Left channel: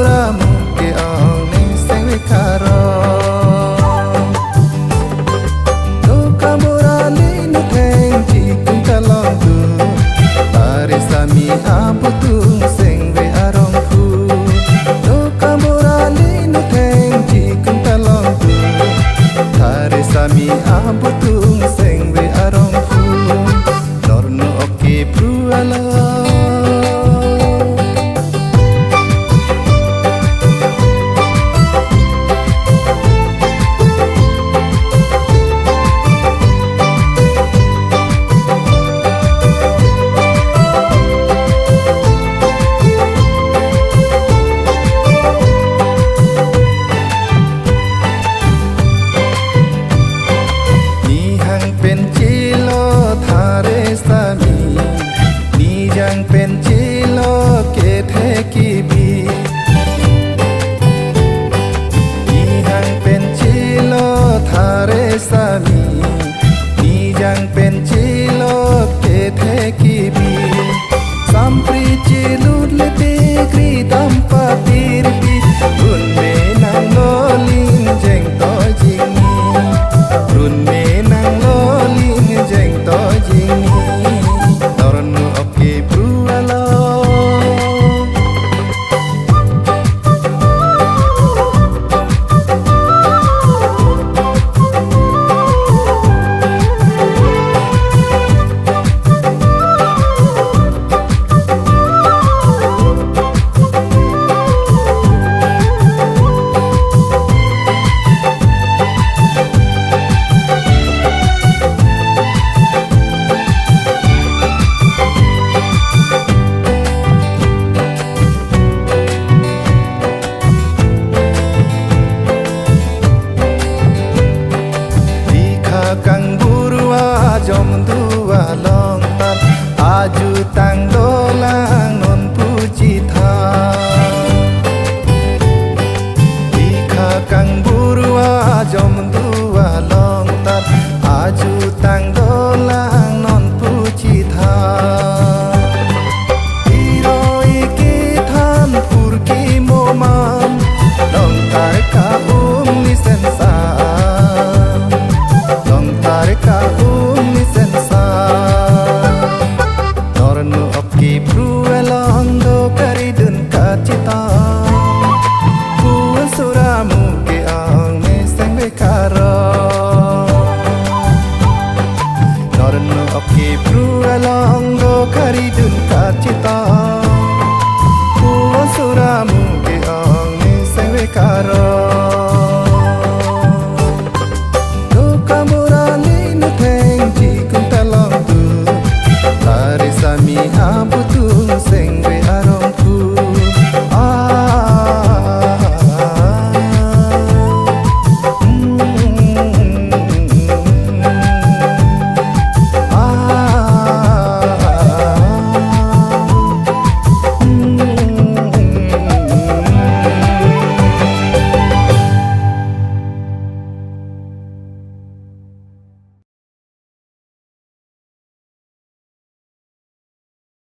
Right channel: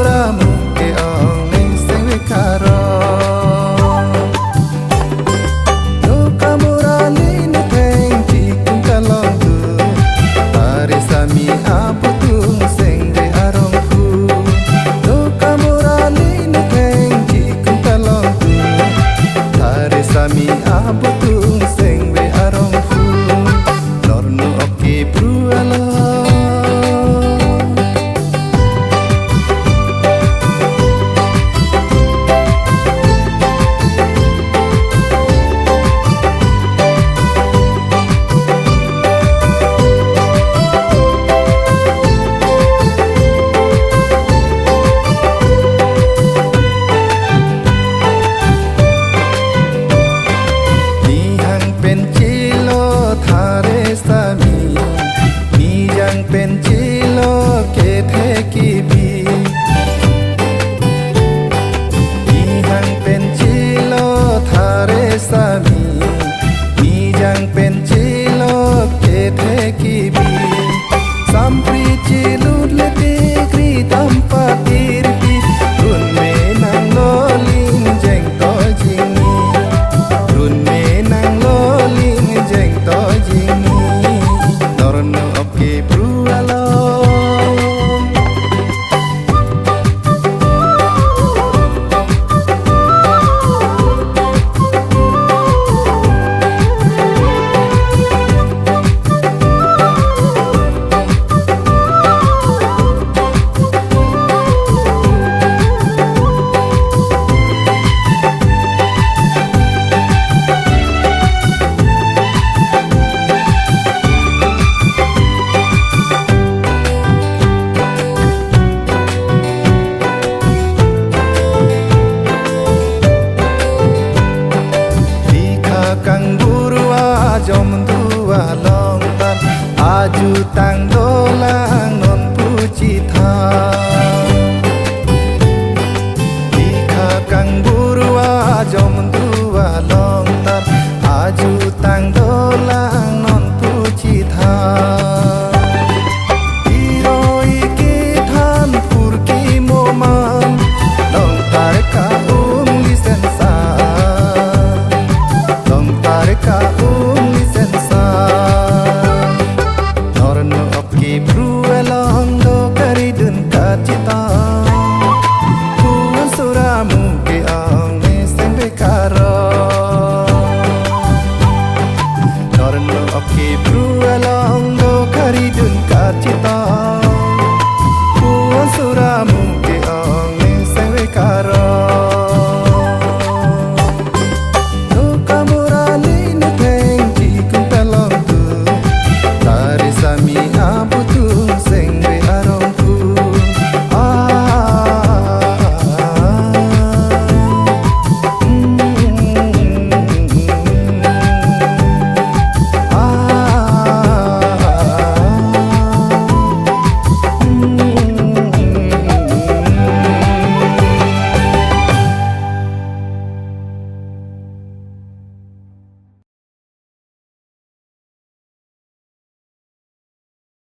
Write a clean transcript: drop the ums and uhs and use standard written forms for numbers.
suramu ke ong ne seng we karo do kamurali nu theng chi kung kalong tu tare sami abutung seng we arong phu do kamurali nu theng chi kung kalong tu tare sami abutung seng we arong phu norno oke prualoเป็นจิโลทาเรสามีนี่ยังเป็นจิโลเกเทกีบีนี่ยังเป็นจิโลทาเรสามีนี่ยังเป็นจิโลเกเทกีบีสัมปริจิลุดเลติกรีตัมปาติริปีรุนเมนังโลลินเจงโตจิงนีรุนเมนังโลลินเจงโตจิงนีนรนุโอเคปรูอโลkang burwa jom dua long tar aju tang dolang non puji tha dikha kang burwa jom dua long tar aju tang dolang non puji tha iroi ki than phur ki moman long tar ka listen sa Tareka lisensa Norno opki pruelong do karidun kacita Puan suramu ke ong ne seng bekaro Norno opki pruelong do karidun kacita Puan suramu ke ong ne seng bekaro